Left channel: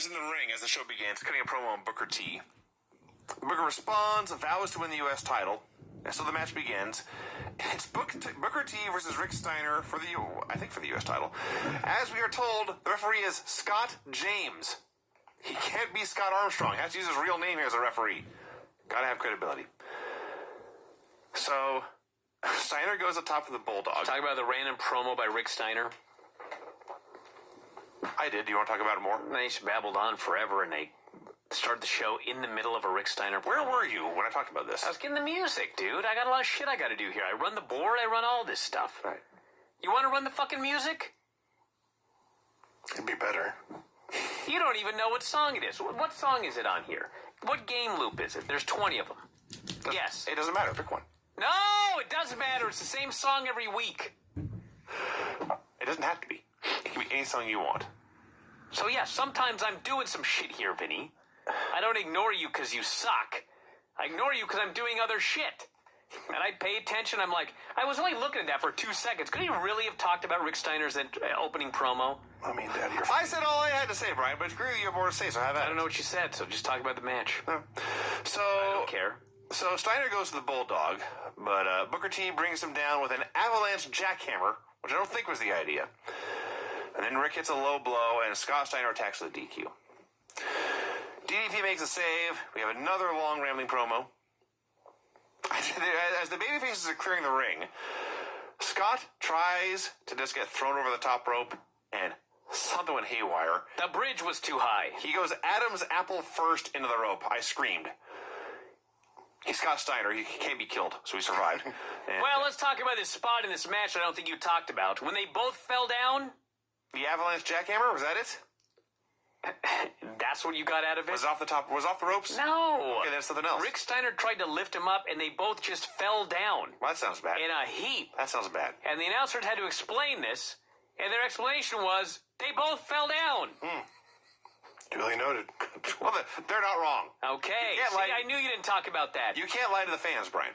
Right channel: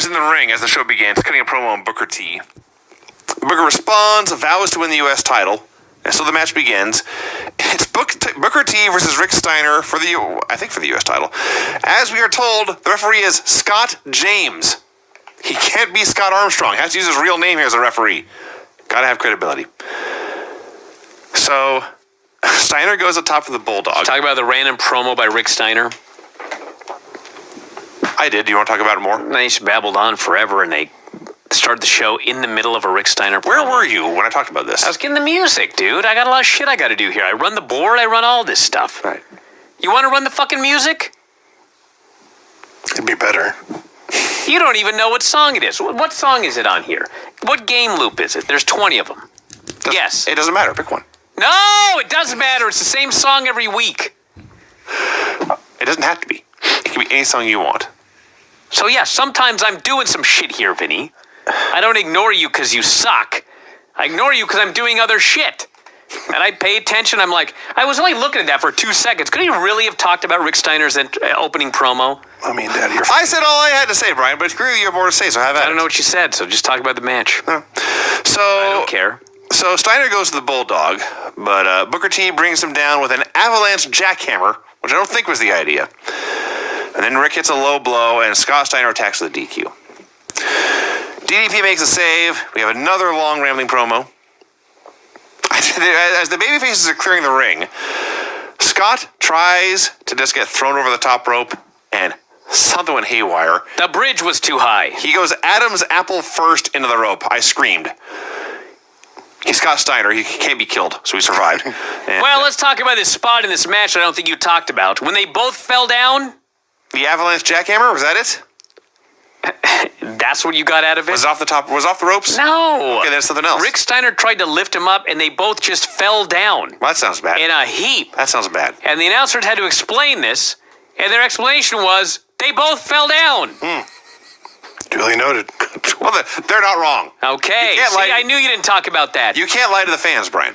Steiner's in the ring as the show begins, cutting a promo on Booker T. Booker responds, vows to win the U.S. title, and so the match begins. It's Booker T versus Rick Steiner for the U.S. title. As we are told, the referee is Scott James. He can't be Scott Armstrong. He has to use his real name here as a referee. Gotta have credibility. So, Steiner goes up top for the Bulldog. Talk about the random promo by Rick Steiner. I did. Do you want to talk about it more? They just babbled on forever, and they started the show in the middle of a Rick Steiner promo. Where were you when I talked about this? I was getting the music, dude. I got a lot of shit I got to do here. I run the board. I run all this stuff. Right. You want to run the fucking music? It'd be better. You don't even know what song it is. What song is it on here? What game loop is it? There's 20 of them. Yes. It doesn't matter. Pick one. No, it doesn't matter. It's the same song every week. It doesn't have to be. It can be any song you want. So, yeah, sometimes I'm doing some shit here, Vinny. I don't ignore you because you suck. I ignore you because I'm doing other shit. And I pay attention. I'm like, I was only looking at that for 2 seconds. Could he really have talked about Rick Steiner's opening promo? I mean, Daddy, I said all I had to say, Brian, but clearly you have more to say, so have at it. I don't know what you said, so just talk about the match. So, I don't care. So Steiner goes to the Bulldog, but Booker T brings him down with an avalanche jackhammer, which I don't think was the idea. And then Rick hits a low blow, and Scott Steiner attacks with a DQ. DDP makes a save. We have another long, rambling promo. As the babyfaces are clearing the ring, Scott tries to just get thrown over the top rope, and something went haywire. The bridge was too high. He goes Adam's apple first into the rope. I screamed. He's Scott Steiner. He can't be killed, so he survived. And, well, let's talk about this spot in this match I don't think you talked about. When they both fell down. The avalanche jackhammer, was that it? That's what you got out of it? Was it off the top? Was it off the ropes? No. Okay, that's something else. Rick Steiner tried to lift him up, and they both just fell down. Well, that sounds bad. In a heap. That sounds bad. And the announcers had to explain this, and their explanation was they both fell down. Duly noted. Well, they're not wrong. Okay. See, I knew you didn't talk about that. You can't lie to the fans, Brian.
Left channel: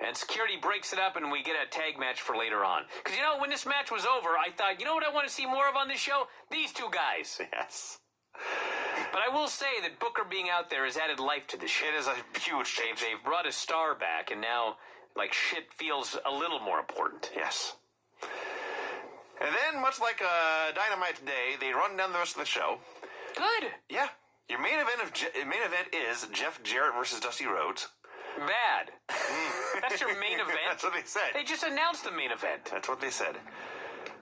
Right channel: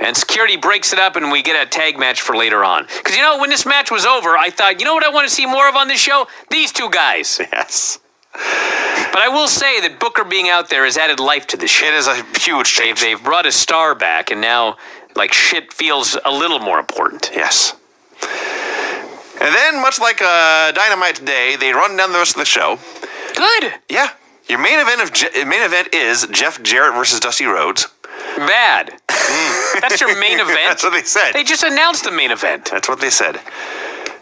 And security breaks it up, and we get a tag match for later on. Because, when this match was over, I thought, you know what I want to see more of on this show? These two guys. Yes. But I will say that Booker being out there has added life to this show. It is a huge change. They've brought a star back, and now, shit feels a little more important. Yes. And then, much like Dynamite today, they run down the rest of the show. Good. Yeah. Your main event is Jeff Jarrett versus Dusty Rhodes. Bad. That's your main event? That's what they said. They just announced the main event. That's what they said.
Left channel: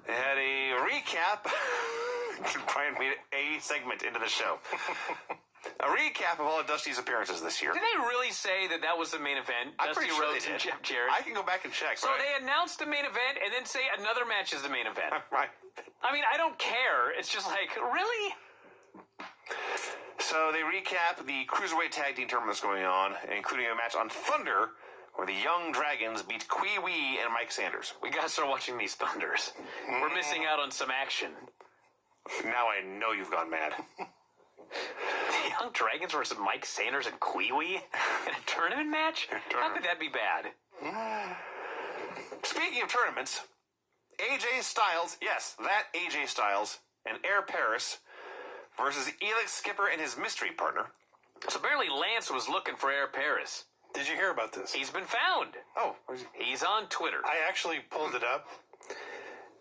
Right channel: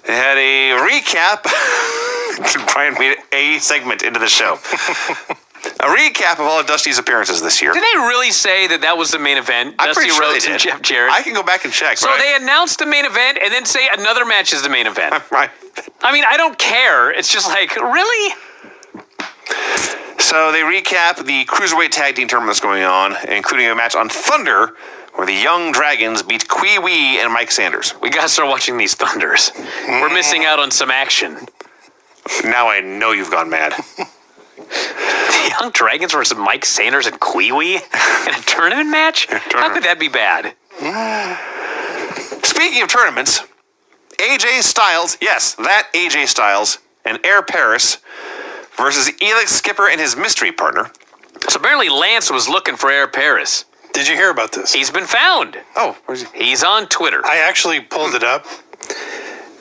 They had a recap. Brian made a segment into the show. A recap of all of Dusty's appearances this year. Did they really say that was the main event? I'm Dusty pretty sure Rhodes they and did. Jeff Jarrett. I can go back and check. So they announced the main event and then say another match is the main event. Right. I mean, I don't care. It's just really? So they recap the Cruiserweight Tag Team tournament that's going on, including a match on Thunder where the Young Dragons beat Kwee Wee and Mike Sanders. We got to start watching these Thunders. We're missing out on some action. Now I know you've gone mad. The Young Dragons versus Mike Sanders and Kwee Wee in a tournament match? How could that be bad? Speaking of tournaments, AJ Styles, yes, that AJ Styles, and Air Paris versus Elix Skipper and his mystery partner. So apparently Lance was looking for Air Paris. Did you hear about this? He's been found. Oh, where's he? He's on Twitter. I actually pulled it up.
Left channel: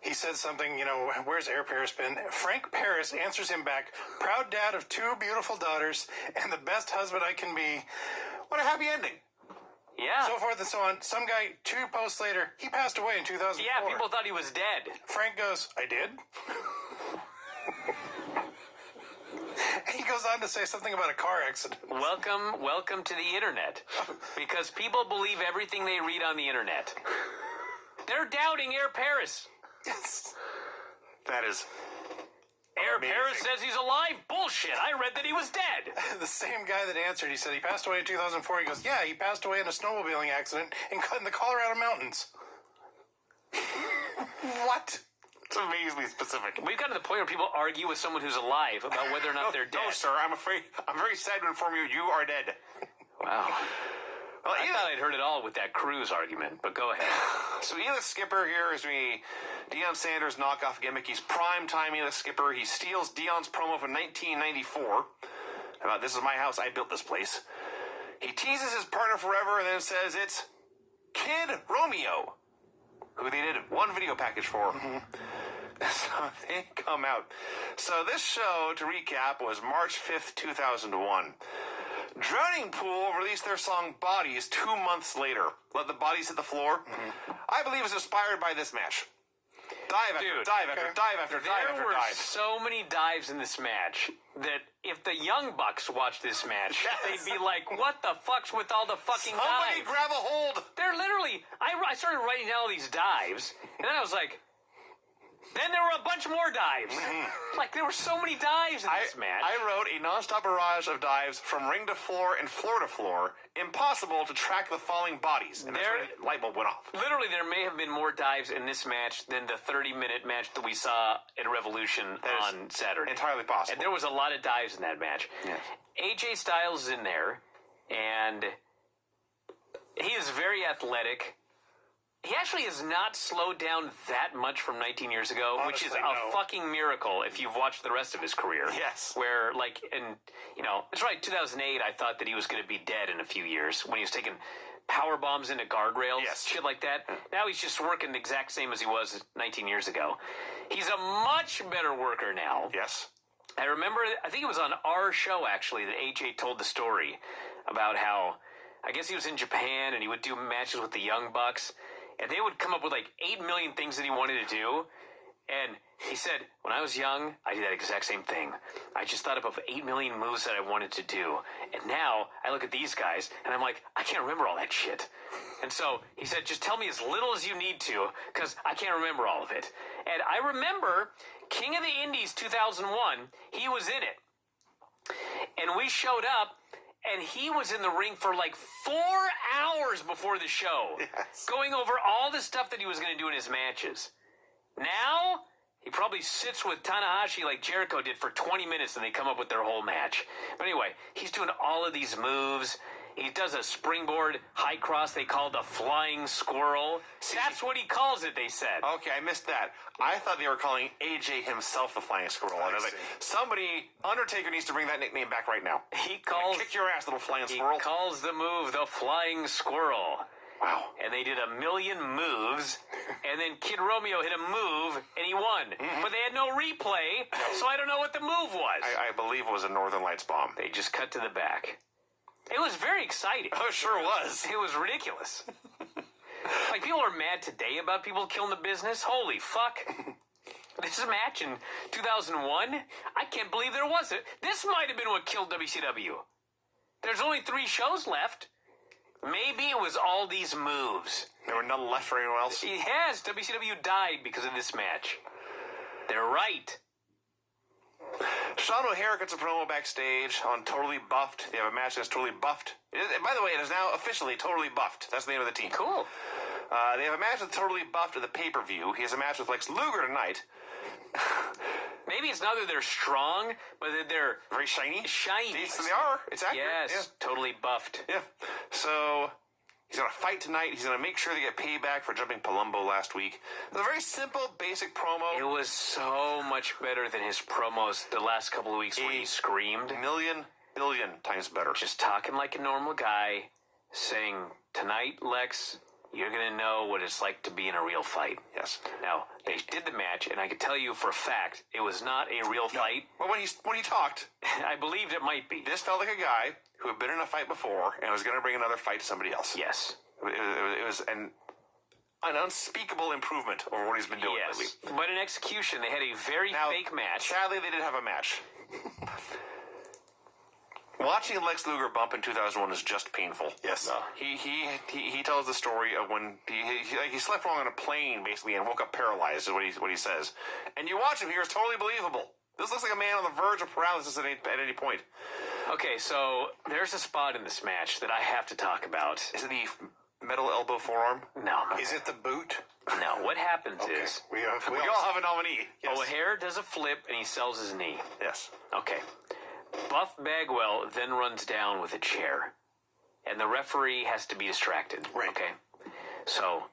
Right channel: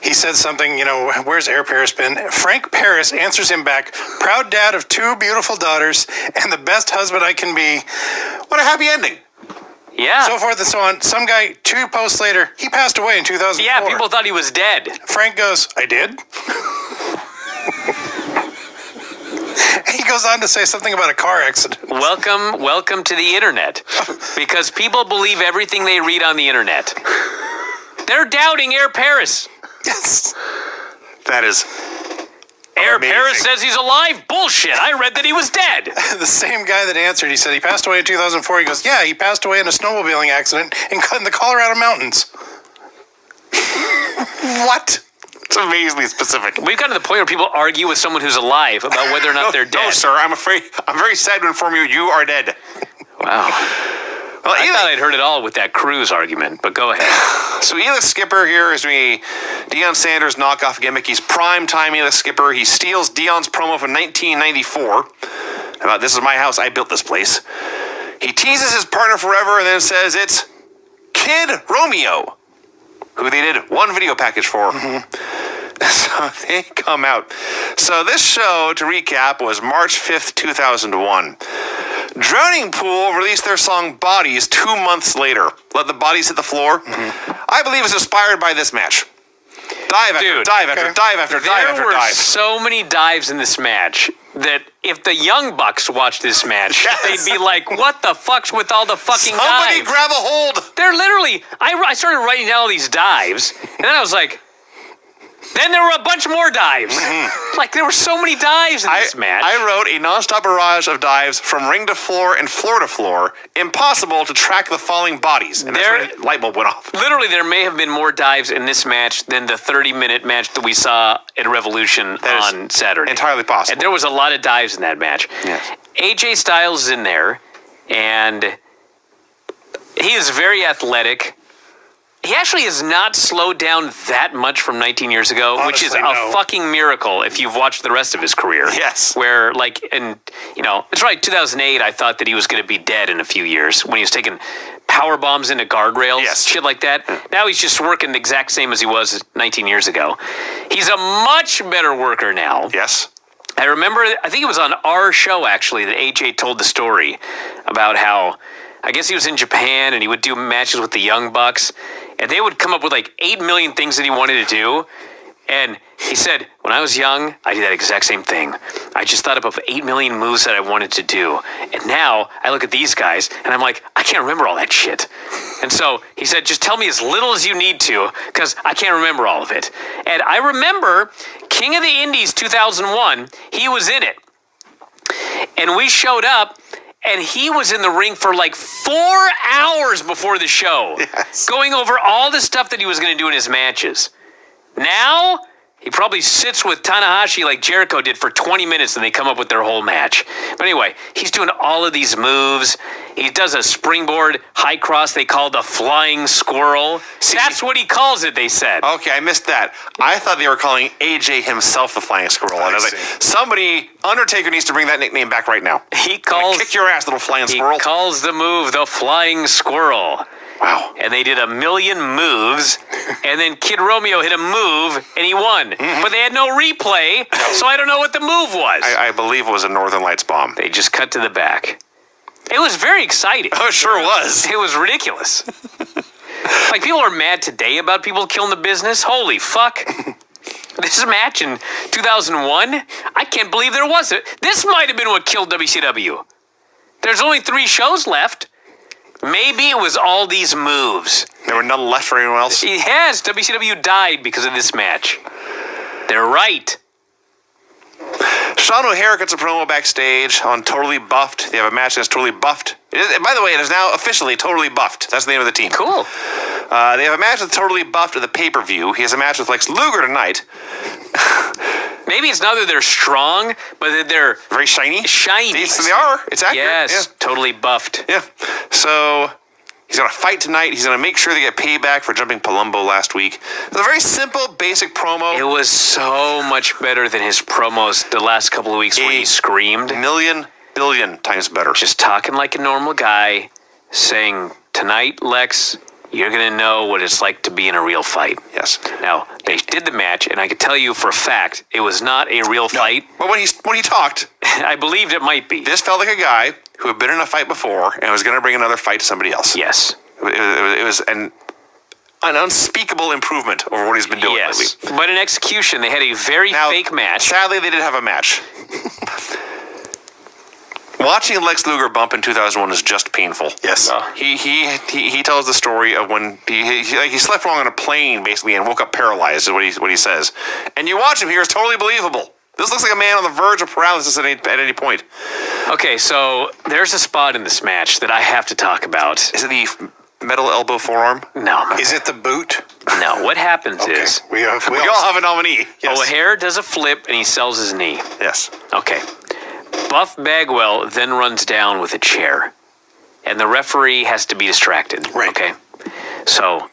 He said something, where's Air Paris been? Frank Paris answers him back, proud dad of 2 beautiful daughters and the best husband I can be. What a happy ending. Yeah. So forth and so on. Some guy, 2 posts later, he passed away in 2004. Yeah, people thought he was dead. Frank goes, I did? He goes on to say something about a car accident. Welcome to the internet. Because people believe everything they read on the internet. They're doubting Air Paris. Yes. That is Air amazing. Paris says he's alive. Bullshit. I read that he was dead. The same guy that answered, he said he passed away in 2004. He goes, yeah, he passed away in a snowmobiling accident in the Colorado mountains. What? It's amazingly specific. We've gotten to the point where people argue with someone who's alive about whether or not they're dead. No, sir. I'm very sad to inform you, you are dead. Wow. Well, I thought I'd heard it all with that Cruz argument, but go ahead. So Elix Skipper here is doing a Deion Sanders knockoff gimmick. He's prime-time Elix Skipper. He steals Deion's promo from 1994 about "This is my house, I built this place." He teases his partner forever and then says it's Kid Romeo, who they did one video package for. So they come out. So this show, to recap, was March 5th, 2001. Drowning Pool released their song Bodies 2 months later. Let the Bodies Hit the Floor. I believe it was inspired by this match. Dive after Dude, dive after dive after dive after There were dive. so many dives in this match that if the Young Bucks watched this match, Yes. they'd be like, what the fuck's with all the fucking Somebody dives? grab a hold. They're literally, I started writing down all these dives, and then I was like, then there were a bunch more dives. Like, there were so many dives in this match. I wrote a nonstop barrage of dives from ring to floor and floor to floor. Impossible to track the falling bodies. And that's when the light bulb went off. Literally, there may have been more dives in this match than the 30-minute match that we saw at Revolution That is on Saturday. entirely possible. And there was a lot of dives in that match. Yes. AJ Styles is in there, and he is very athletic. He actually has not slowed down that much from 19 years ago, which is Honestly, a no. fucking miracle if you've watched the rest of his career. Yes. Where, like, and, you know, it's right, 2008, I thought that he was going to be dead in a few years when he was taking power bombs into guardrails, Yes. shit like that. Now he's just working the exact same as he was 19 years ago. He's a much better worker now. Yes. I remember, I think it was on our show, actually, that AJ told the story about how, I guess he was in Japan and he would do matches with the Young Bucks, and they would come up with like 8 million things that he wanted to do. And he said, when I was young, I did that exact same thing. I just thought up of 8 million moves that I wanted to do. And now I look at these guys and I'm like, I can't remember all that shit. And so he said, just tell me as little as you need to, because I can't remember all of it. And I remember King of the Indies 2001, he was in it. And we showed up, and he was in the ring for like 4 hours before the show, Yes. going over all the stuff that he was going to do in his matches. Now, he probably sits with Tanahashi like Jericho did for 20 minutes, and they come up with their whole match. But anyway, he's doing all of these moves. He does a springboard high cross they call the flying squirrel. That's what he calls it, they said. Okay, I missed that. I thought they were calling AJ himself the Flying Squirrel. And I was like, somebody, Undertaker needs to bring that nickname back right now. He calls, Kick your ass, little Flying he Squirrel. calls the move the flying squirrel. Wow. And they did a million moves, and then Kid Romeo hit a move, and he won. But they had no replay, so I don't know what the move was. I believe it was a Northern Lights bomb. They just cut to the back. It was very exciting. Oh, it sure was. It was ridiculous. Like, people are mad today about people killing the business. Holy fuck. This match in 2001, I can't believe there was it. This might have been what killed WCW. There's only 3 shows left. Maybe it was all these moves. There were none left for anyone else. Yes, WCW died because of this match. They're right. Sean O'Hare gets a promo backstage on Totally Buffed. They have a match that's Totally Buffed. By the way, it is now officially Totally Buffed. That's the name of the team. Cool. They have a match with Totally Buffed at the pay-per-view. He has a match with Lex Luger tonight. Maybe it's not that they're strong, but that they're Very shiny. shiny. They are. It's accurate. Yes, totally buffed. Yeah. So he's going to fight tonight. He's going to make sure they get payback for jumping Palumbo last week. It's a very simple, basic promo. It was so much better than his promos the last couple of weeks where he screamed. Million, billion times better. Just talking like a normal guy, saying, tonight, Lex, you're going to know what it's like to be in a real fight. Yes. Now, they did the match, and I can tell you for a fact, it was not a real fight. But when he talked, I believed it might be. this felt like a guy who had been in a fight before and was going to bring another fight to somebody else. Yes. It was an unspeakable improvement over what he's been doing Yes. lately. But in execution, they had a very Now, fake match. Sadly, they did have a match. Watching Lex Luger bump in 2001 is just painful. Yes. He tells the story of when he slept wrong on a plane basically and woke up paralyzed is what he says. And you watch him here, it's totally believable. This looks like a man on the verge of paralysis at any point. Okay, so there's a spot in this match that I have to talk about. Is it the metal elbow forearm? No. Is it the boot? No, what happens Okay. is We all have a nominee. Yes. O'Hare does a flip and he sells his knee. Yes. Okay. Buff Bagwell then runs down with a chair. and the referee has to be distracted. Right. Okay. So,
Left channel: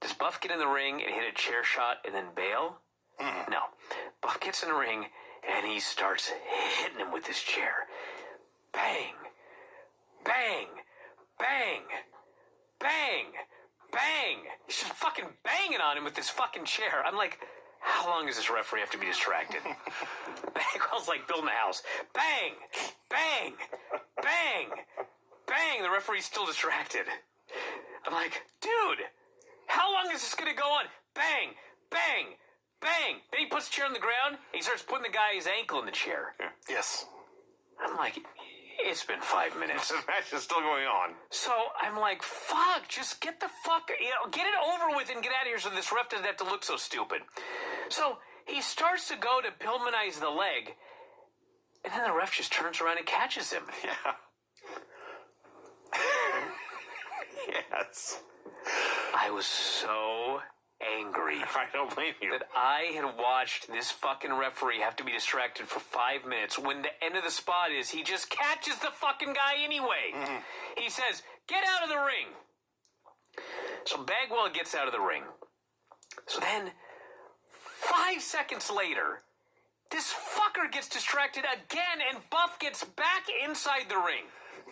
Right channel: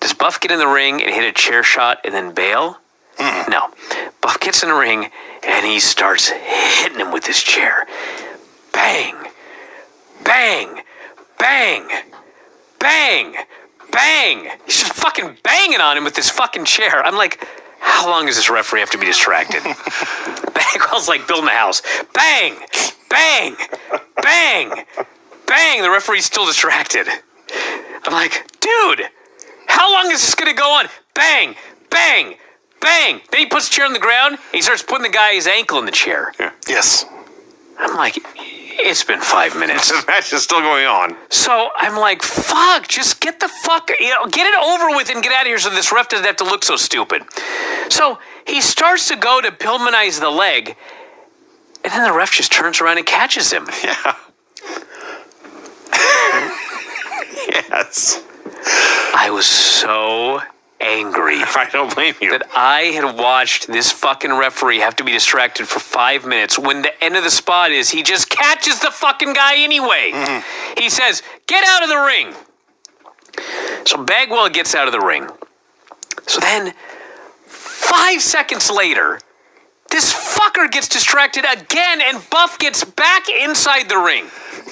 does Buff get in the ring and hit a chair shot and then bail? No. Buff gets in the ring and he starts hitting him with his chair. Bang. Bang. Bang. Bang. Bang. He's just fucking banging on him with this fucking chair. I'm like, how long does this referee have to be distracted? Bagwell's like building a house. Bang. Bang. Bang. Bang. The referee's still distracted. I'm like, dude, how long is this going to go on? Bang. Bang. Bang! Then he puts the chair on the ground. And he starts putting the guy's ankle in the chair. Yeah. Yes. I'm like, it's been 5 minutes. The match is still going on. So I'm like, fuck, just get the fuck, get it over with and get out of here so this ref doesn't have to look so stupid. So he starts to go to Pillmanize the leg, and then the ref just turns around and catches him. Yeah. Yes. I was so angry I don't blame you. that I had watched this fucking referee have to be distracted for 5 minutes when the end of the spot is he just catches the fucking guy anyway. He says, get out of the ring. So Bagwell gets out of the ring. So then 5 seconds later, this fucker gets distracted again and Buff gets back inside the ring.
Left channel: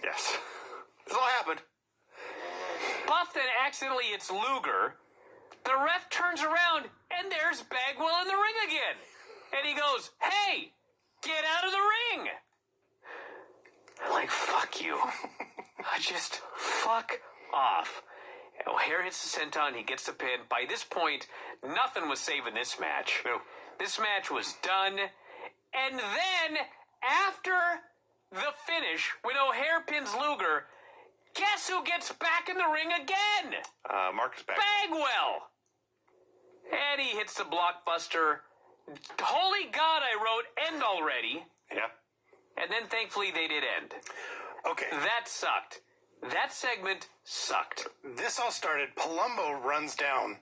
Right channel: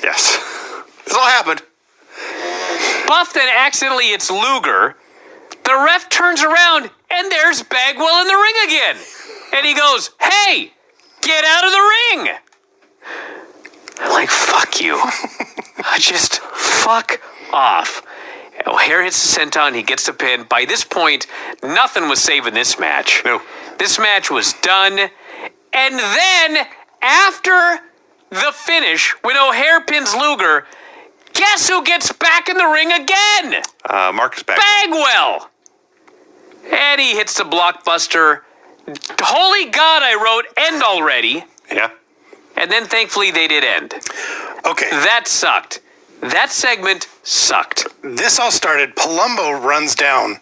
Yes. This all happened. Buff then accidentally hits Luger. The ref turns around, and there's Bagwell in the ring again. And he goes, hey, get out of the ring. I'm like, fuck you. Just fuck off. O'Hare hits the senton. He gets the pin. By this point, nothing was saving this match. No. This match was done. And then, after the finish, when O'Hare pins Luger, guess who gets back in the ring again? Marcus back. Bagwell. And he hits the blockbuster. Holy God, I wrote end already. Yeah. And then thankfully they did end. Okay. That sucked. That segment sucked. This all started. Palumbo runs down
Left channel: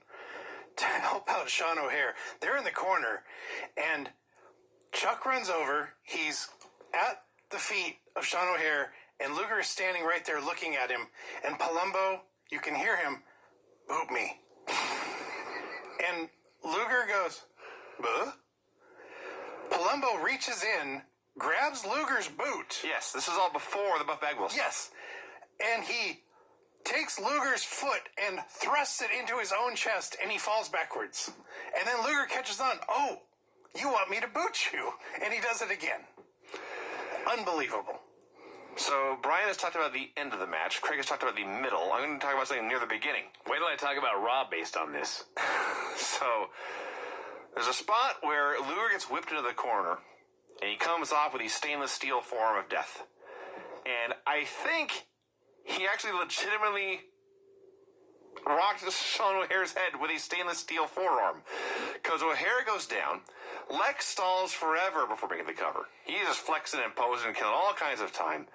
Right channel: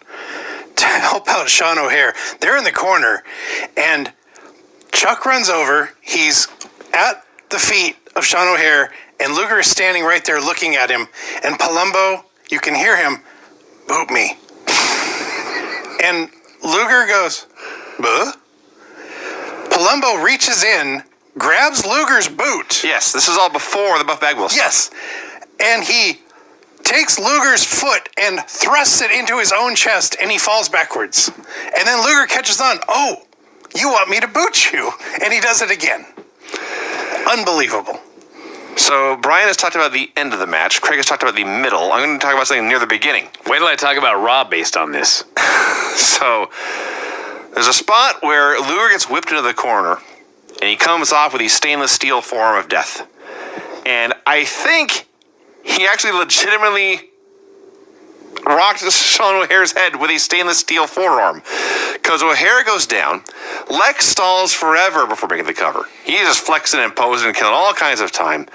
to help out Sean O'Hare. They're in the corner, and Chuck runs over. He's at the feet of Sean O'Hare, and Luger is standing right there looking at him. And Palumbo, you can hear him, boot me. And Luger goes, buh? Palumbo reaches in, grabs Luger's boot. Yes, this is all before the Buff Bagwell stuff. Yes. And he takes Luger's foot and thrusts it into his own chest, and he falls backwards. And then Luger catches on. Oh, you want me to boot you? And he does it again. Unbelievable. So Brian has talked about the end of the match. Craig has talked about the middle. I'm going to talk about something near the beginning. Wait till I talk about Raw based on this. So there's a spot where Luger gets whipped into the corner, and he comes off with the stainless steel forearm of death. And I think he actually legitimately rocked Sean O'Hare's head with a stainless steel forearm. Because O'Hare goes down. Lex stalls forever before making the cover. He's just flexing and posing and killing all kinds of time.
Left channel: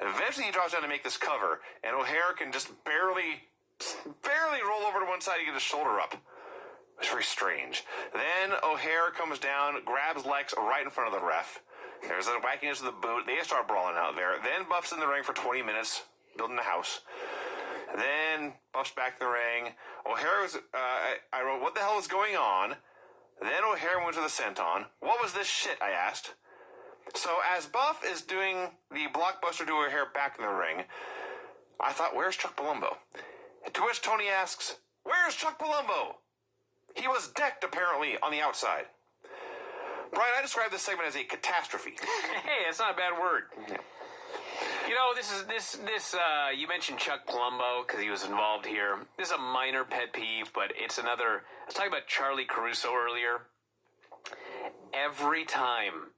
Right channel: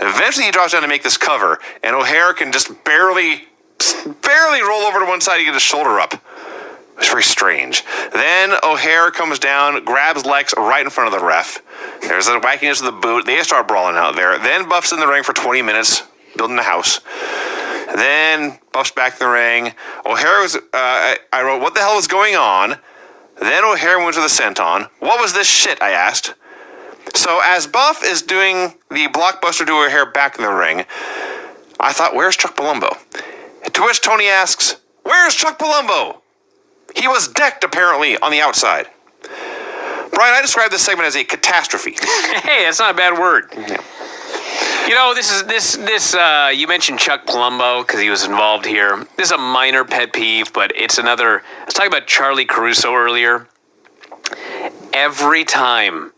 Eventually he drops down to make this cover, and O'Hare can just barely roll over to one side to get his shoulder up. It's very strange. Then O'Hare comes down, grabs Lex right in front of the ref. There's a wackiness of the boot. They start brawling out there. Then Buff's in the ring for 20 minutes, building a house. Then Buff's back in the ring. O'Hare was, I wrote, what the hell was going on? Then O'Hare went to the senton. What was this shit, I asked. So as Buff is doing the blockbuster to O'Hare back in the ring, I thought, where's Chuck Palumbo? To which Tony asks, where's Chuck Palumbo? He was decked, apparently, on the outside. Brian, I described this segment as a catastrophe. Hey, that's not a bad word. Yeah. You know, you mentioned Chuck Palumbo because he was involved here. This is a minor pet peeve, but it's another. I was talking about Charlie Caruso earlier. Every time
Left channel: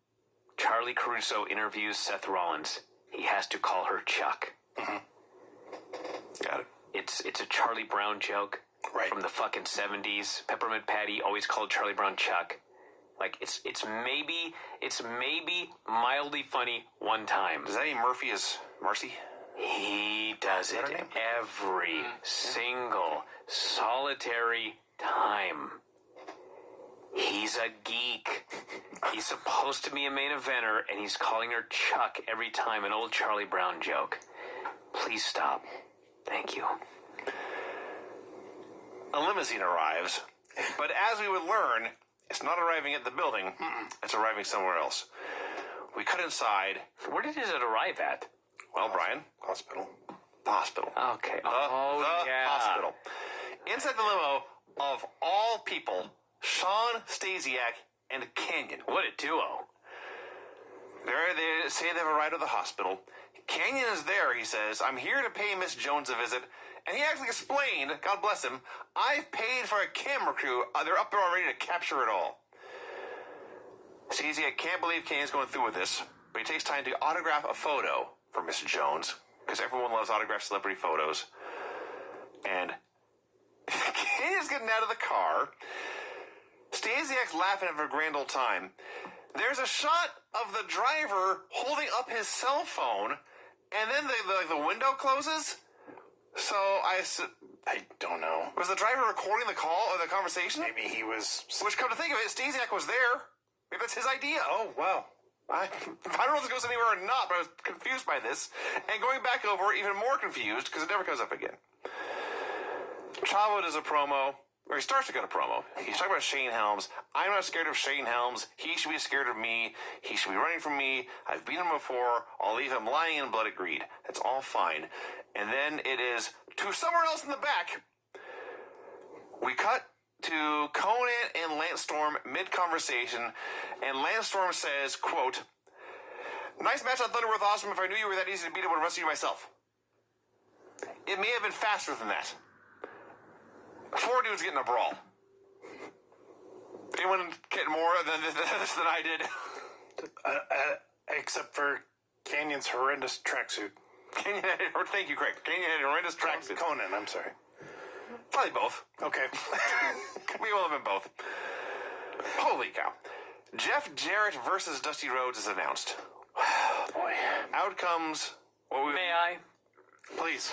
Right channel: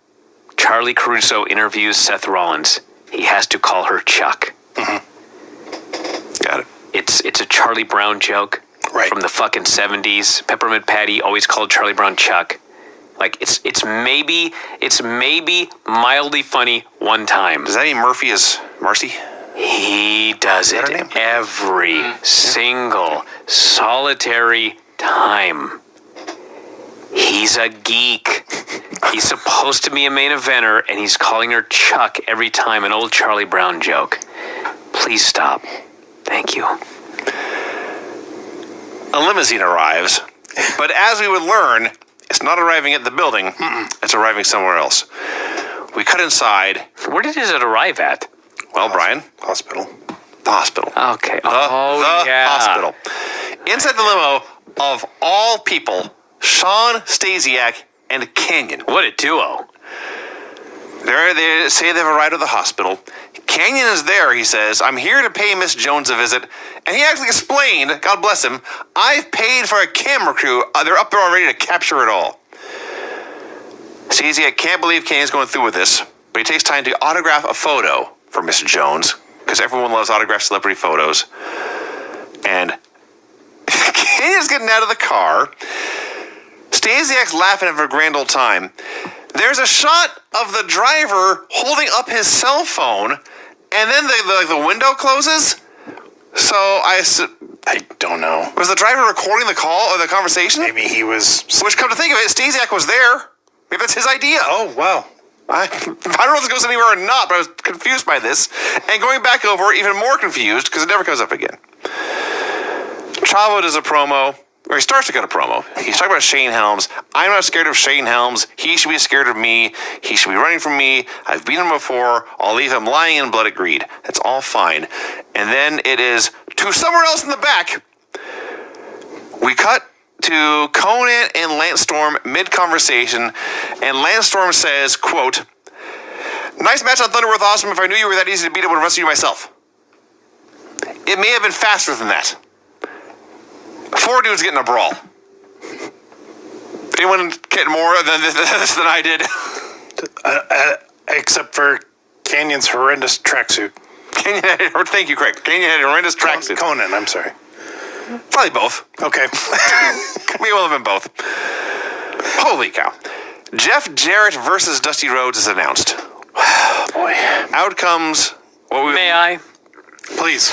Charlie Caruso interviews Seth Rollins, he has to call her Chuck. Mm-hmm. Got it. It's a Charlie Brown joke from the fucking 70s. Peppermint Patty always called Charlie Brown Chuck. Like, it's maybe mildly funny one time. Does that mean Murphy is Marcy? He does it every single solitary time. He's a geek. He's supposed to be a main eventer, and he's calling her Chuck every time, an old Charlie Brown joke. Please stop. Thank you. A limousine arrives, but as we would learn, it's not arriving at the building. It's arriving somewhere else. We cut inside. Where does it arrive at? Well, Brian, Hospital. the hospital. Okay. The yeah. hospital. Inside the limo, of all people, Sean Stasiak and Canyon. What a duo. They say they've arrived at the hospital. Canyon is there, he says. I'm here to pay Miss Jones a visit. And he actually explained, God bless him, I've paid for a camera crew. They're up there already to capture it all. Stasiak can't believe Canyon's going through with this, but he takes time to autograph a photo for Miss Jones, because everyone loves autographed celebrity photos. And Canyon's getting out of the car. Stasiak's laughing at a grand old time. There's a shot of the driver holding up his cell phone, and then the window closes. So I don't know. Was the driver recording the call or the conversation? Maybe he was. Which, come to think of it, Stasiak was there. Maybe that's his idea. Oh, wow. I don't know if this goes anywhere or not, but I was confused by this. And going back over, even more confused, because it never comes up again. Chavo does a promo, or he starts to cut a promo. He's talking about Shane Helms. I'm not scared of Shane Helms. He should be scared of me. He should be running from me. I've beaten him before. I'll leave him lying in blood at greed. That's all fine. And then it is to somewhere else in the back. We cut to Conan and Lance Storm mid-conversation, and Lance Storm says, quote, nice match on Thunderworth Awesome. If I knew you were that easy to beat, I would have wrestled you myself. It may have been faster than that. 4 dudes getting a brawl. Anyone get more than this than I did? Except for Canyon's horrendous tracksuit. Thank you, Craig. Canyon had a horrendous tracksuit. Conan, I'm sorry. Probably both. Okay. We will have been both. Holy cow. Jeff Jarrett versus Dusty Rhodes is announced. Boy. Outcomes. May I? Please.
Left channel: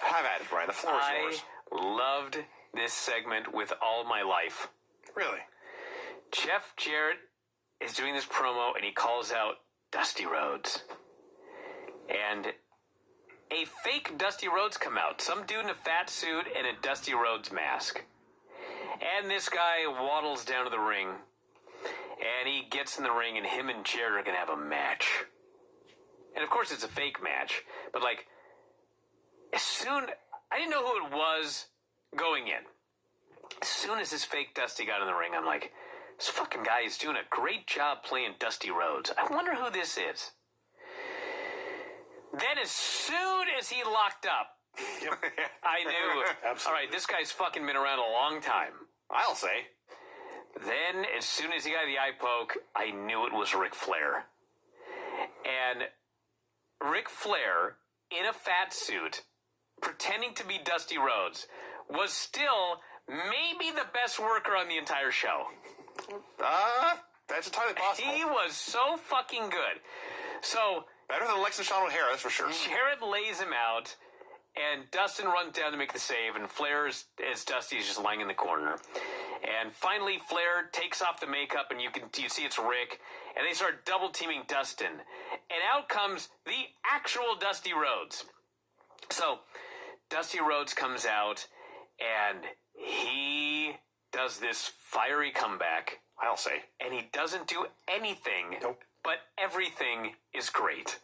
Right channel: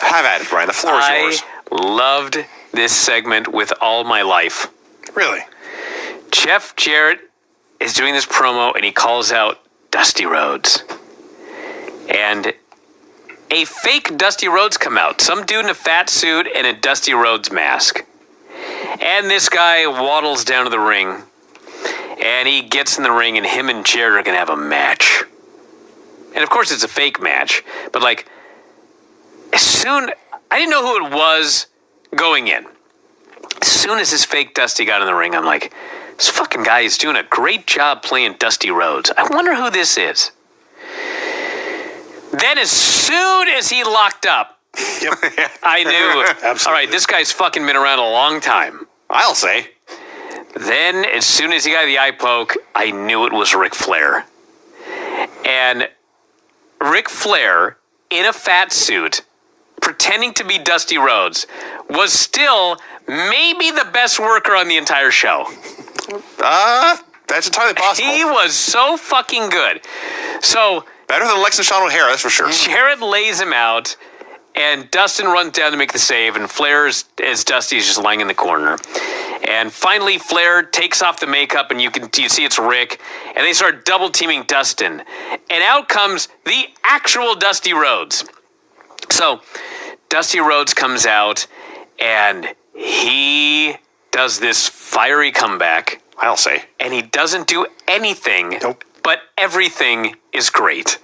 Have at it, Brian. The floor is yours. I loved this segment with all my life. Really? Jeff Jarrett is doing this promo, and he calls out Dusty Rhodes. And a fake Dusty Rhodes come out. Some dude in a fat suit and a Dusty Rhodes mask. And this guy waddles down to the ring. And he gets in the ring, and him and Jarrett are going to have a match. And of course it's a fake match. But I didn't know who it was going in. As soon as this fake Dusty got in the ring, I'm like, this fucking guy is doing a great job playing Dusty Rhodes. I wonder who this is. Then as soon as he locked up, Yep. I knew, Absolutely. all right, this guy's fucking been around a long time. I'll say. Then as soon as he got the eye poke, I knew it was Ric Flair. And Ric Flair, in a fat suit, pretending to be Dusty Rhodes, was still maybe the best worker on the entire show. That's entirely possible. He was so fucking good. So Better than Lex and Sean O'Hara, that's for sure. Jarrett lays him out, and Dustin runs down to make the save, and Flair, as Dusty, is just lying in the corner. And finally, Flair takes off the makeup, and you see it's Rick, and they start double-teaming Dustin. And out comes the actual Dusty Rhodes. So Dusty Rhodes comes out, and he does this fiery comeback. I'll say. And he doesn't do anything, Nope. but everything is great.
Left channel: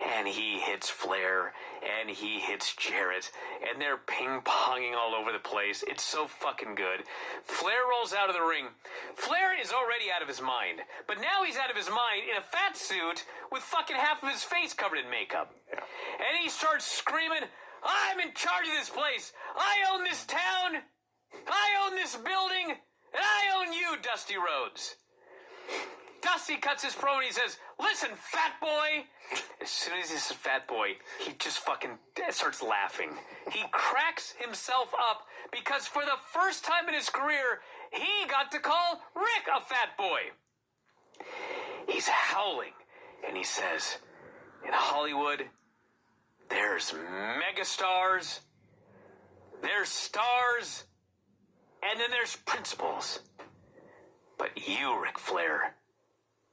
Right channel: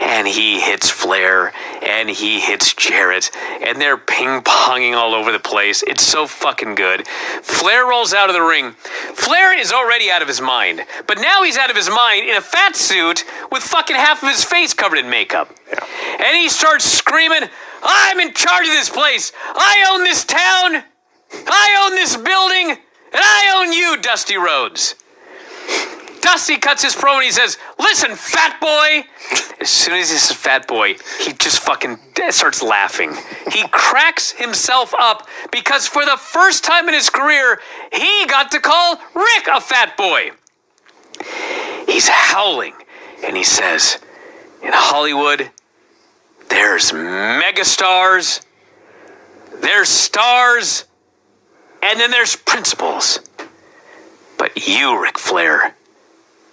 And he hits Flair, and he hits Jarrett, and they're ping-ponging all over the place. It's so fucking good. Flair rolls out of the ring. Flair is already out of his mind, but now he's out of his mind in a fat suit with fucking half of his face covered in makeup. Yeah. And he starts screaming, I'm in charge of this place. I own this town. I own this building. And I own you, Dusty Rhodes. Dusty cuts his promo and he says, listen, fat boy. As soon as he says fat boy, he just fucking starts laughing. He cracks himself up because for the first time in his career, he got to call Rick a fat boy. He's howling and he says, in Hollywood, there's megastars, there's stars, and then there's principals. But You, Ric Flair,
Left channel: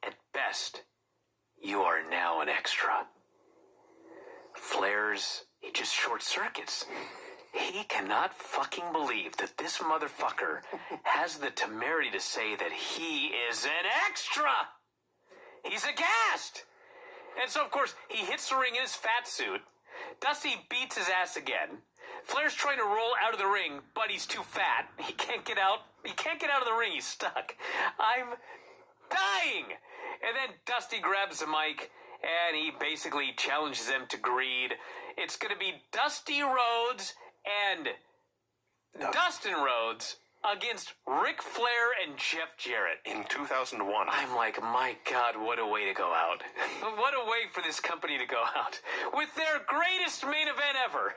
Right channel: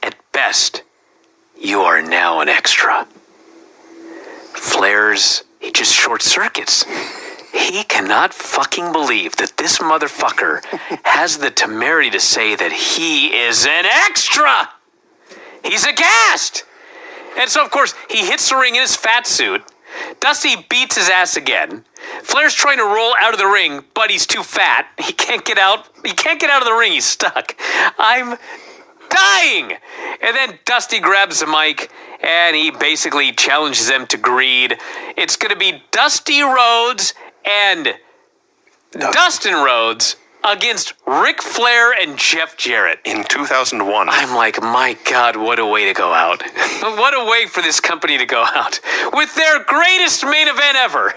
at best, you are now an extra. Flair's, he just short circuits. He cannot fucking believe that this motherfucker has the temerity to say that he is an extra. He's aghast. And so, of course, he hits the ring in his fat suit. Dusty beats his ass again. Flair's trying to roll out of the ring, but he's too fat. He can't get out. He can't get out of the ring. He's stuck. I'm dying. And then Dusty grabs the mic, and he basically challenges them to greed. It's going to be Dusty Rhodes and Dustin Rhodes against Ric Flair and Jeff Jarrett. In 2001. I'm like, my God, what a way to go out. What a way for this company to go out. With their greatest main event ever.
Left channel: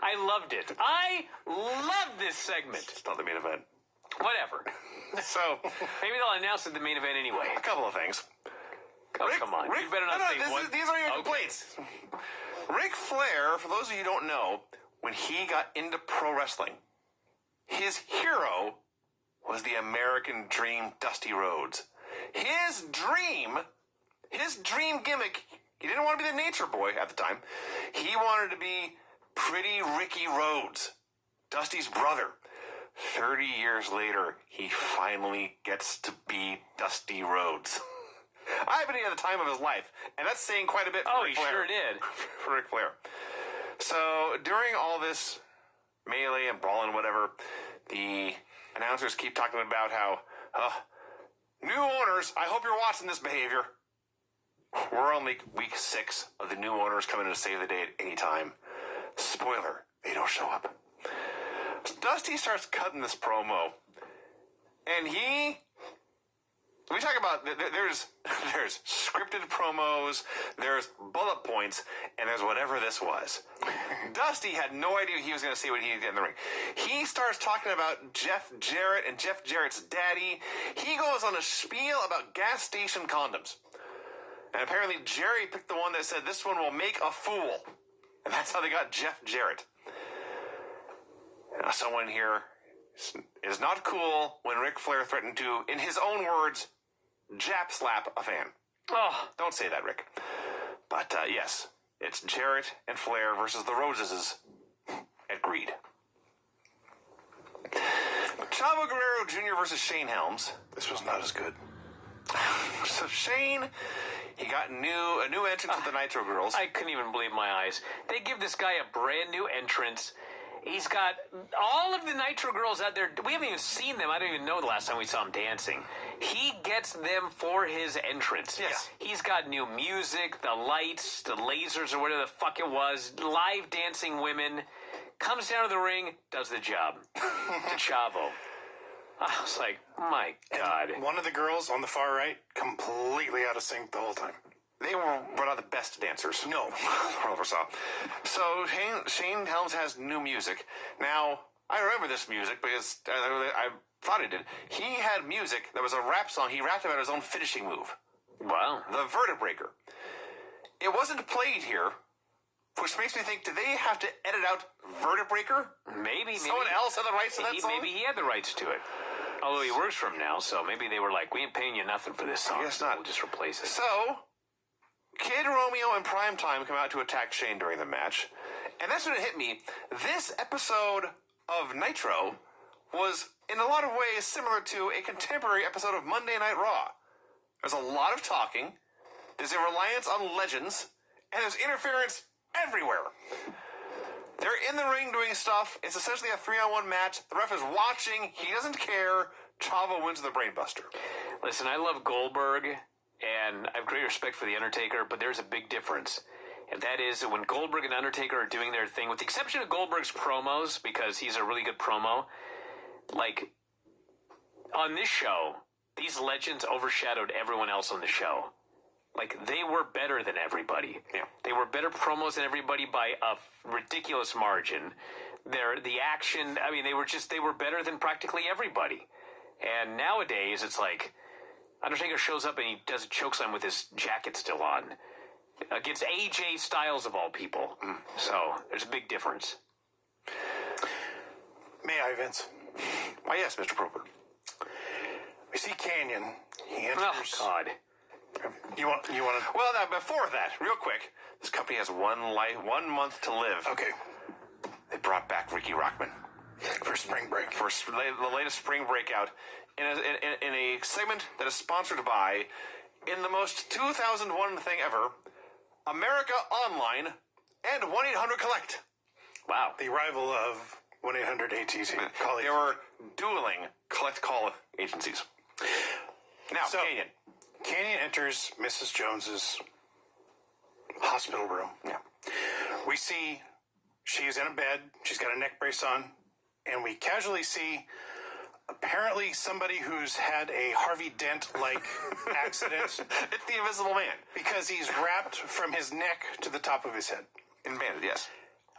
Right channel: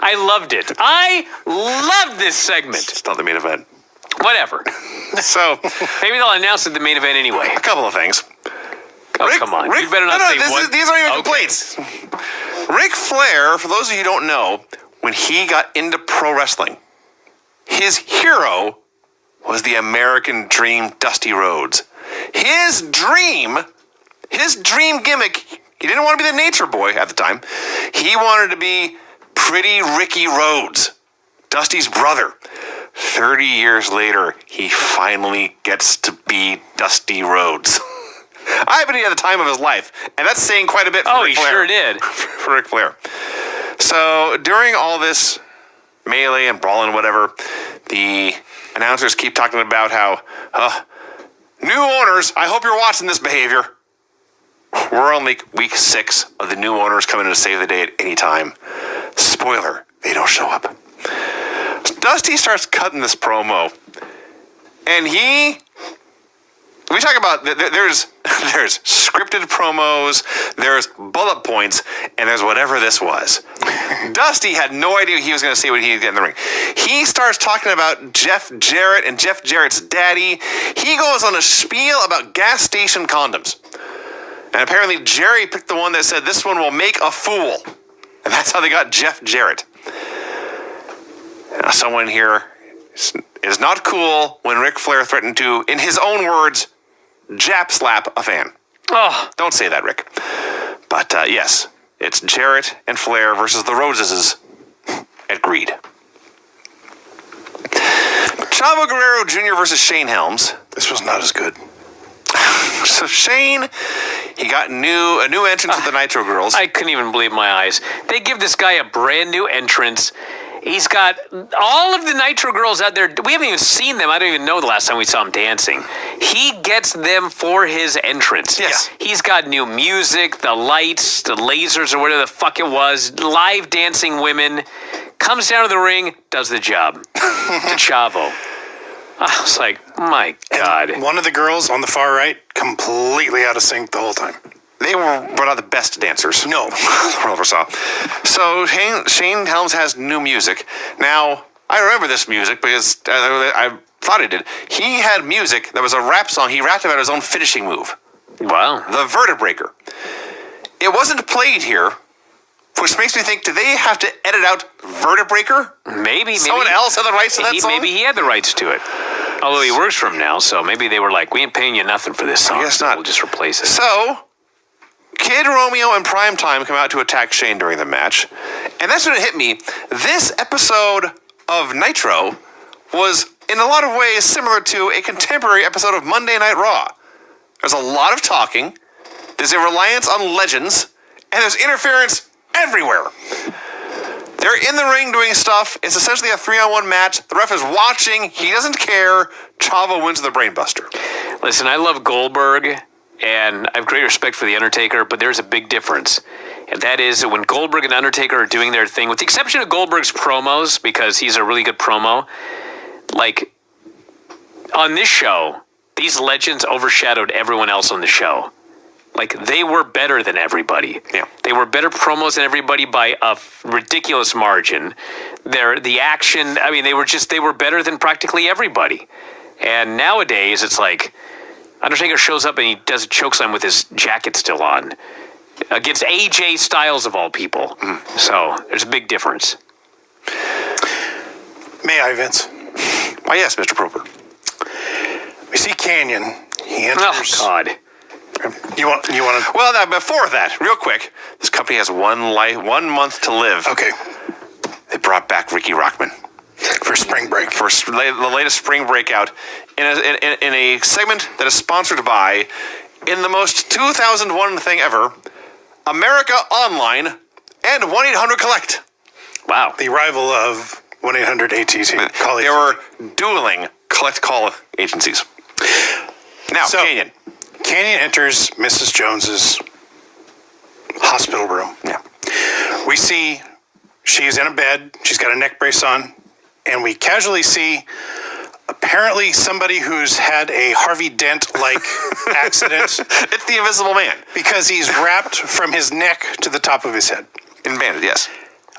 I loved it. I loved this segment. It's not the main event. Whatever. So, Maybe they'll announce it the main event anyway. a couple of things. Oh, come on. You better not say what. These aren't even complaints. Ric Flair, for those of you who don't know, when he got into pro wrestling, his hero was the American Dream, Dusty Rhodes. His dream gimmick, he didn't want to be the nature boy at the time. He wanted to be Pretty Ricky Rhodes, Dusty's brother. 30 years later, he finally gets to be Dusty Rhodes. I bet he had the time of his life, and that's saying quite a bit for Ric Flair. Oh, he sure did. For Ric Flair. So, during all this melee and brawling, whatever, the announcers keep talking about how, new owners, I hope you're watching this behavior. We're on week 6 of the new owners coming in to save the day at any time. Spoiler, they don't show up. Dusty starts cutting this promo, and we talk about, there's scripted promos, there's bullet points, and there's whatever this was. Dusty had no idea he was going to say when he get in the ring. He starts talking about Jeff Jarrett and Jeff Jarrett's daddy. He goes on a spiel about gas station condoms. And apparently Jerry picked the one that said, this one will make a fool. And that's how they got Jeff Jarrett. Now, someone here is not cool when Ric Flair threatened to, in his own words, Jap slap a fan. Oh, Don't say that, Rick. But yes, it's Jarrett and Flair versus the Roseses at Greed. Chavo Guerrero Jr. versus Shane Helms. This was not as good. So Shane, he got a new entrance with the Nitro Girls. I couldn't even believe my eyes. They give this guy a brand new entrance. He's got all of the Nitro Girls out there. We haven't even seen them. I don't even know the last time we saw him dancing. He gets them for his entrance. Yes. He's got new music, the lights, the lasers, or whatever the fuck it was, live dancing women. Comes down to the ring, does the job. To Chavo. I was like, my God. And one of the girls on the far right, completely out of sync the whole time. They were not the best dancers. No. the world ever saw. So Shane Helms has new music. Now, I remember this music because I thought he did. He had music that was a rap song. He rapped about his own finishing move. Wow. The Vertebraker. It wasn't played here, which makes me think, do they have to edit out Vertebraker? Maybe. Someone else had the rights to that song? Maybe he had the rights to it. Although he works for him now, so maybe they were like, we ain't paying you nothing for this song. I guess not. We'll just replace it. So, Kid Romeo and Primetime come out to attack Shane during the match. And that's when it hit me. This episode of Nitro was, in a lot of ways, similar to a contemporary episode of Monday Night Raw. There's a lot of talking. There's a reliance on legends. And there's interference everywhere. They're in the ring doing stuff. It's essentially a 3-on-1 match. The ref is watching. He doesn't care. Chavo wins the Brainbuster. Listen, I love Goldberg, and I have great respect for The Undertaker, but there's a big difference. And that is that when Goldberg and Undertaker are doing their thing, with the exception of Goldberg's promos, because he's a really good promo, like, on this show, these legends overshadowed everyone else on the show. Like, they were better than everybody. Yeah. They were better promos than everybody by a ridiculous margin. The action, I mean, they were better than practically everybody. And nowadays, it's like, Undertaker shows up and he does a chokeslam with his jacket still on. Against AJ Styles, of all people. So, there's a big difference. May I, Vince? Why, yes, Mr. Proper. We see Canyon. He Oh, enters. God. You want to? Well, now, before that, real quick, this company has 1 month to live. Okay, They brought back Ricky Rockman for spring break. for the latest spring breakout in a segment that is sponsored by, in the most 2001 thing ever, America Online and 1-800-COLLECT. Wow. The rival of 1-800-ATC. Call They were dueling collect call agencies. Now, So- Canyon. Canyon enters Mrs. Jones's hospital room. Yeah. We see she's in a bed. She's got a neck brace on. And we casually see apparently somebody who's had a Harvey Dent-like accident It's the Invisible Man. because he's wrapped from his neck to the top of his head. In banded, yes.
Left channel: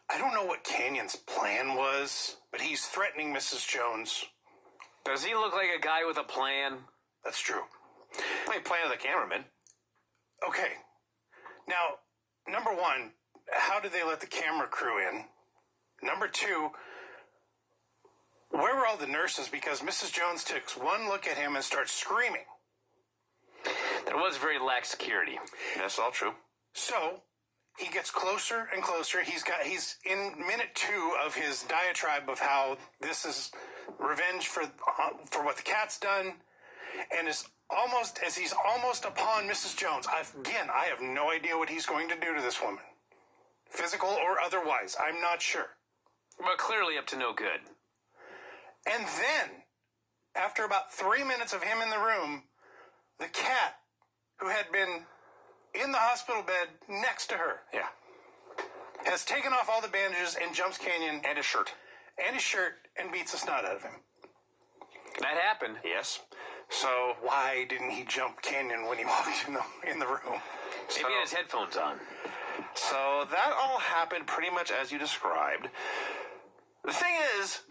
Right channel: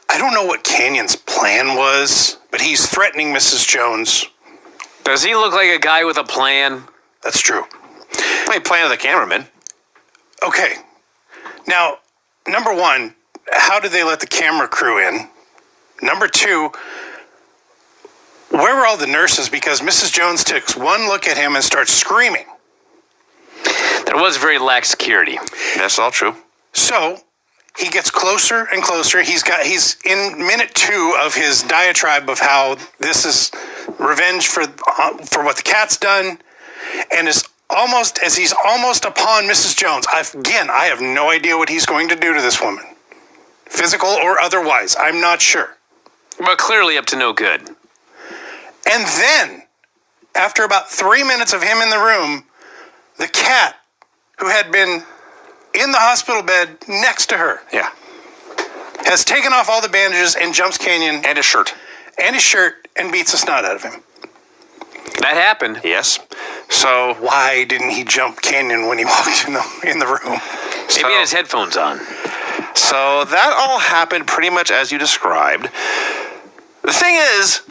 I don't know what Canyon's plan was, but he's threatening Mrs. Jones. Does he look like a guy with a plan? That's true. He planted the cameraman. Okay. Now, number one, how did they let the camera crew in? Number two, where were all the nurses? Because Mrs. Jones takes one look at him and starts screaming. There was very lax security. That's all true. So he gets closer and closer. He's in minute 2 of his diatribe of how this is revenge for what the cat's done, and he's almost upon Mrs. Jones. I have no idea what he's going to do to this woman, physical or otherwise. I'm not sure. But clearly up to no good. And then, after about 3 minutes of him in the room, the cat, who had been in the hospital bed next to her, Yeah. has taken off all the bandages and jumps Canyon And his shirt. and his shirt and beats the snot out of him. That happened. Yes. So, Why didn't he jump Canyon when he walked in the room? Maybe he had his headphones on. so that all happened pretty much as you described. The thing is,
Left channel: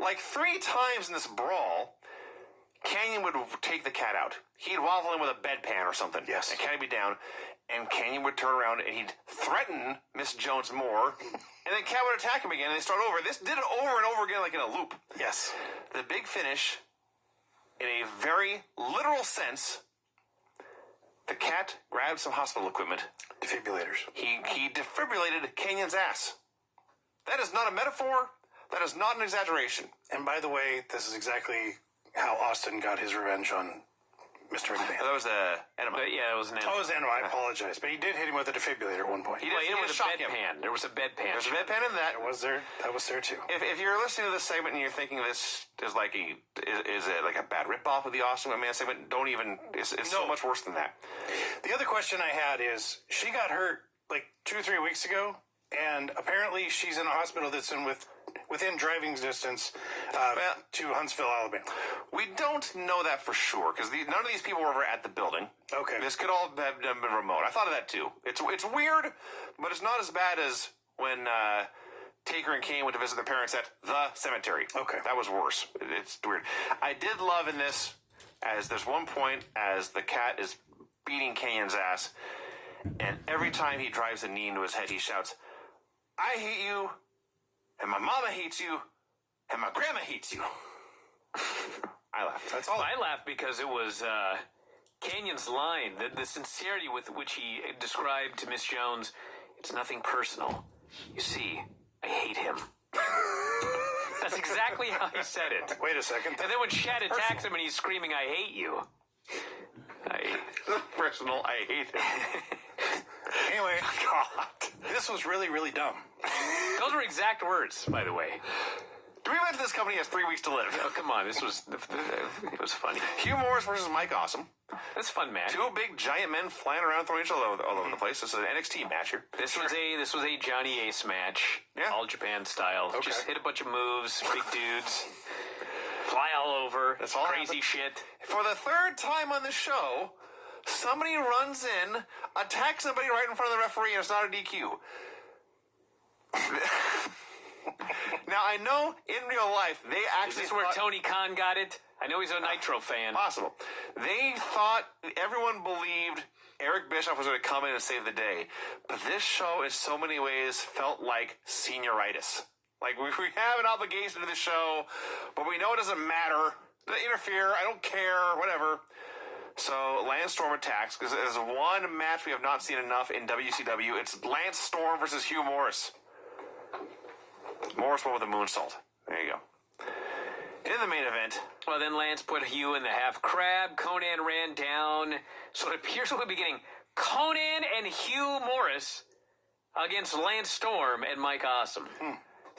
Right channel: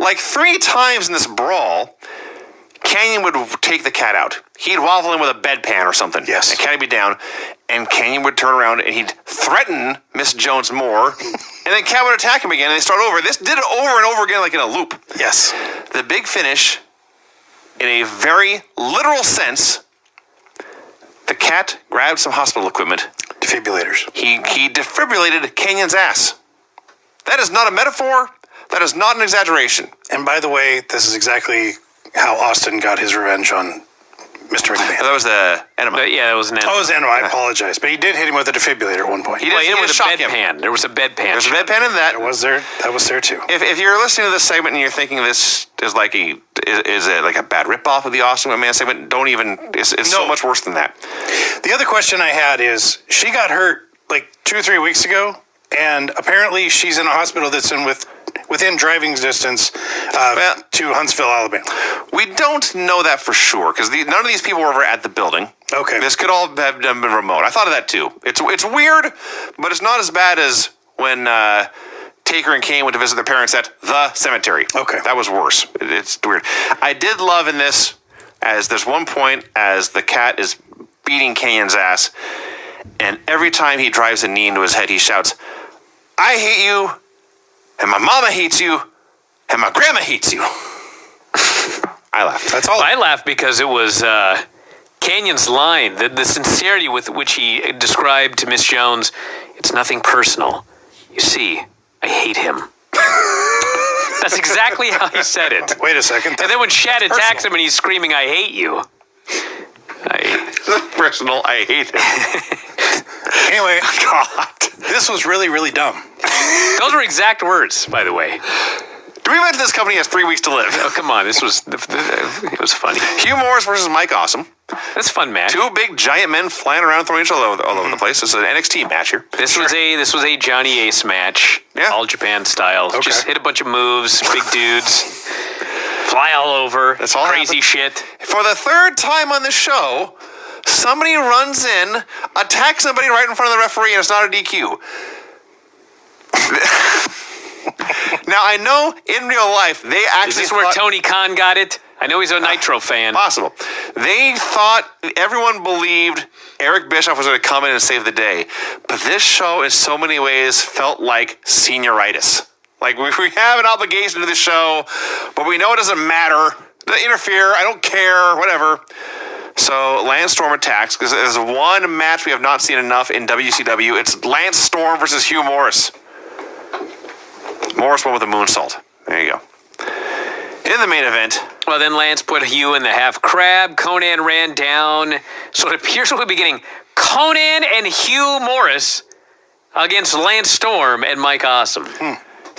like 3 times in this brawl, Canyon would take the cat out. He'd waffle in with a bedpan or something. Yes. And Cat would be down, and Canyon would turn around and he'd threaten Miss Jones more, and then Cat would attack him again, and they start over. This did it over and over again, like in a loop. Yes. The big finish, in a very literal sense, the cat grabbed some hospital equipment. Defibrillators. He defibrillated Canyon's ass. That is not a metaphor. That is not an exaggeration. And by the way, this is exactly how Austin got his revenge on Mr. McMahon. That was the enema. But yeah, it was an Oh, it was Enema. I apologize. But he did hit him with a defibrillator at one point. He did, Well, he it did was a shock him. bedpan. There was a bedpan. There's a bedpan in that. That was there too. If you're listening to this segment and you're thinking this is like is it like a bad ripoff of the Austin McMahon segment, don't even. It's so No. much worse than that. The other question I had is, she got hurt like 2 or 3 weeks ago, and apparently she's in a hospital that's within driving distance to Huntsville, Alabama. We don't know that for sure because none of these people were ever at the building. Okay. This could all have been remote. I thought of that too. It's weird, but it's not as bad as when Taker and Kane went to visit their parents at the cemetery. Okay. That was worse. It's weird. I did love in this, as there's one point as the cat is beating Canyon's ass, and every time he drives a knee into his head, he shouts, "I hate you, and my mama hates you, and my grandma hates you." I laughed. That's all. I laughed because it was Canyon's line, the sincerity with which he described to Miss Jones, "It's nothing personal. You see, I hate him." That's exactly how he said it. Wait a second. And then when Shad attacks him and he's screaming, "I hate you." Personal, I hate it. Anyway, God. this was really, really dumb. Those were exact words, by the way. Do we mention this company has 3 weeks to live? Oh, come on. It was funny. Hugh Morris versus Mike Awesome. That's a fun match. 2 big giant men flying around throwing each other all over the place. This is an NXT match here. This was a Johnny Ace match. Yeah. All Japan style. Okay. Just hit a bunch of moves, big dudes, fly all over. That's all crazy happened. shit. For the 3rd time on this show, somebody runs in, attacks somebody right in front of the referee, and it's not a DQ. Now, I know in real life, they actually Is this where thought- Tony Khan got it? I know he's a Nitro fan. Possible. They thought, everyone believed Eric Bischoff was going to come in and save the day. But this show, in so many ways, felt like senioritis. Like, we have an obligation to the show, but we know it doesn't matter. Interfere. I don't care. Whatever. So Lance Storm attacks because there's one match we have not seen enough in WCW. It's Lance Storm versus Hugh Morris. Morris won with a moonsault. There you go. In the main event. Well, then Lance put Hugh in the half crab. Conan ran down. So it appears we'll be getting Conan and Hugh Morris against Lance Storm and Mike Awesome.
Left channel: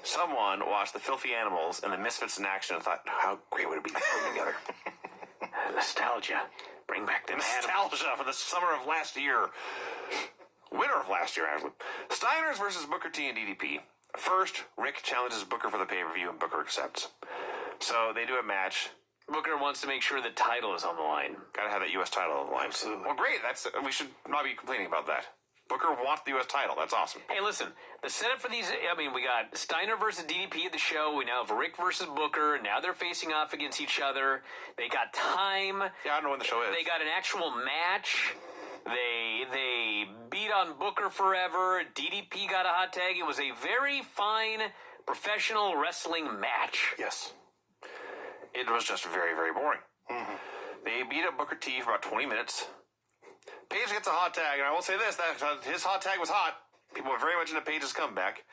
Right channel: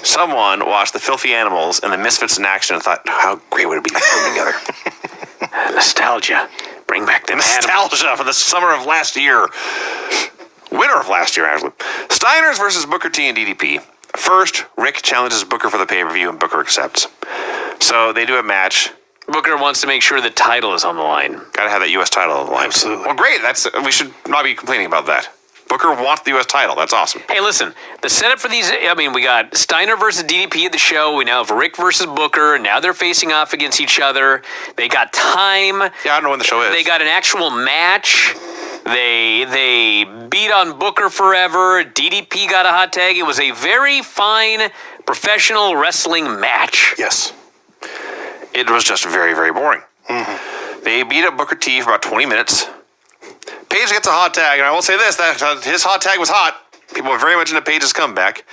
Someone watched the Filthy Animals and the Misfits in action and thought, how great would it be to put them together? Nostalgia. Bring back the Nostalgia for the summer of last year. Winter of last year, actually. Steiners versus Booker T and DDP. First, Rick challenges Booker for the pay-per-view, and Booker accepts. So they do a match. Booker wants to make sure the title is on the line. Gotta have that U.S. title on the line. Absolutely. Well, great. We should not be complaining about that. Booker wants the U.S. title. That's awesome. Hey, listen, the setup for these, we got Steiner versus DDP at the show. We now have Rick versus Booker. Now they're facing off against each other. They got time. Yeah, I don't know when the show is. They got an actual match. They beat on Booker forever. DDP got a hot tag. It was a very fine professional wrestling match. Yes. It was just very, very boring. Mm-hmm. They beat up Booker T for about 20 minutes. Page gets a hot tag, and I will say this, that his hot tag was hot. People were very much into Page's comeback.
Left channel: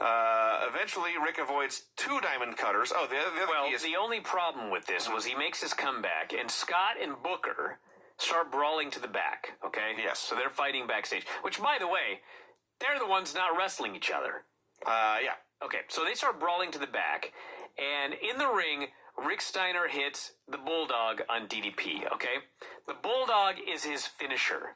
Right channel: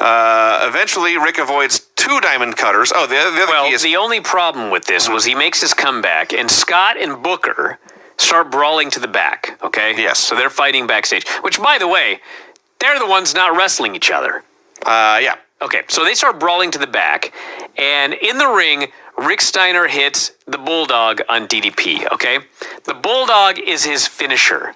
Eventually, Rick avoids 2 diamond cutters. Oh, the other key is... the only problem with this was he makes his comeback, and Scott and Booker start brawling to the back, okay? Yes. So they're fighting backstage, which, by the way, they're the ones not wrestling each other. Yeah. Okay, so they start brawling to the back, and in the ring, Rick Steiner hits the Bulldog on DDP, okay? The Bulldog is his finisher.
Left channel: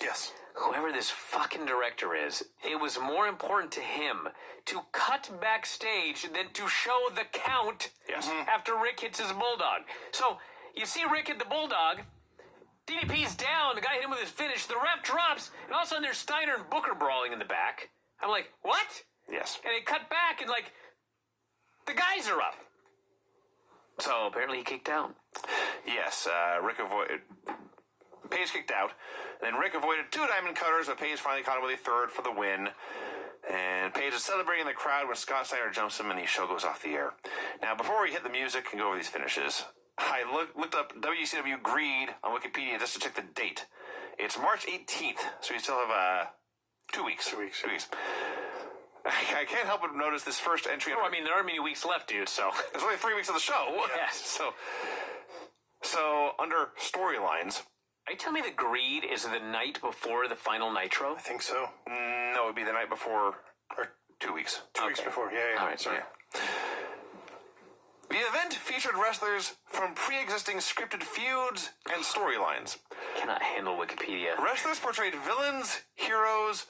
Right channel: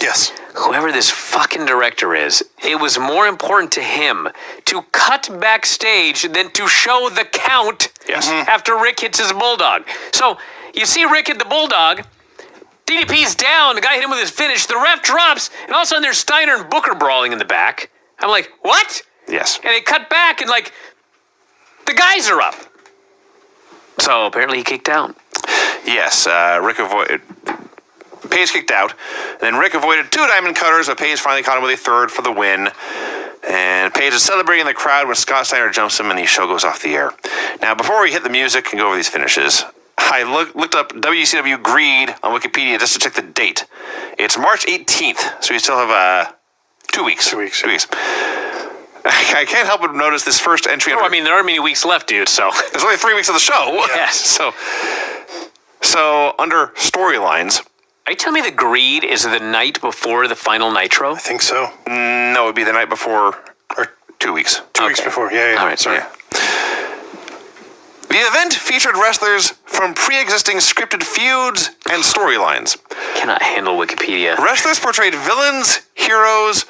Yes. Whoever this fucking director is, it was more important to him to cut backstage than to show the count after Rick hits his Bulldog. So, you see Rick hit the Bulldog, DDP's down, the guy hit him with his finish, the ref drops, and all of a sudden there's Steiner and Booker brawling in the back. I'm like, what? Yes. And it cut back and the guys are up. So apparently he kicked out. Yes, Rick avoided... Page kicked out. Then Rick avoided 2 diamond cutters, but Page finally caught him with a 3rd for the win. And Page is celebrating in the crowd when Scott Steiner jumps him and the show goes off the air. Now, before we hit the music and go over these finishes, I looked up WCW Greed on Wikipedia just to check the date. It's March 18th, so we still have 2 weeks. 2 weeks. 2 weeks. I can't help but notice this first entry. There aren't many weeks left, dude, so. There's only 3 weeks of the show. Yes. So under storylines. Are you telling me the Greed is the night before the final Nitro? I think so. No, it would be the night before, or 2 weeks. 2 weeks before. Yeah. All right, sorry. Yeah. The event featured wrestlers from pre-existing scripted feuds and storylines. Cannot handle Wikipedia. Wrestlers portrayed villains, heroes,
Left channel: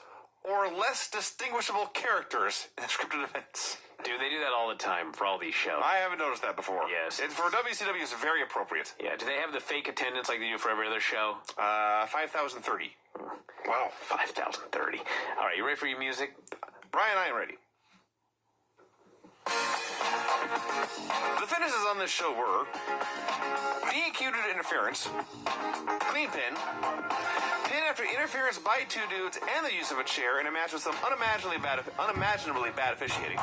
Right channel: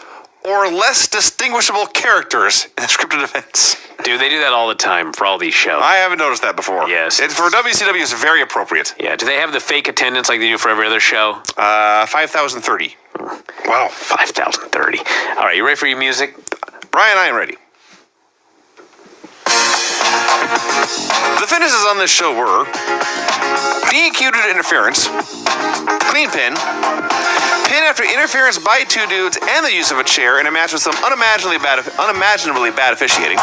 or less distinguishable characters in scripted events. Dude, they do that all the time for all these shows. I haven't noticed that before. Yes. For WCW, it's very appropriate. Yeah, do they have the fake attendance like they do for every other show? 5,030. Wow. 5,030. All right, you ready for your music? Brian, I am ready. The finishes on this show were DQ due to interference, clean pin after interference by 2 dudes and the use of a chair in a match with some unimaginably bad officiating,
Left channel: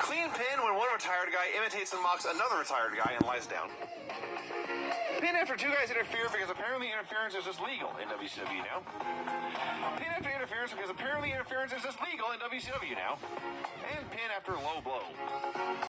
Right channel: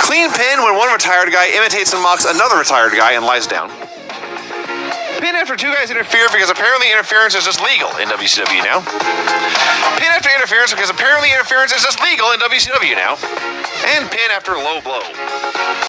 clean pin when one retired guy imitates and mocks another retired guy and lies down, pin after 2 guys interfere because apparently interference is just legal in WCW now, pin after interference because apparently interference is just legal in WCW now, and pin after low blow.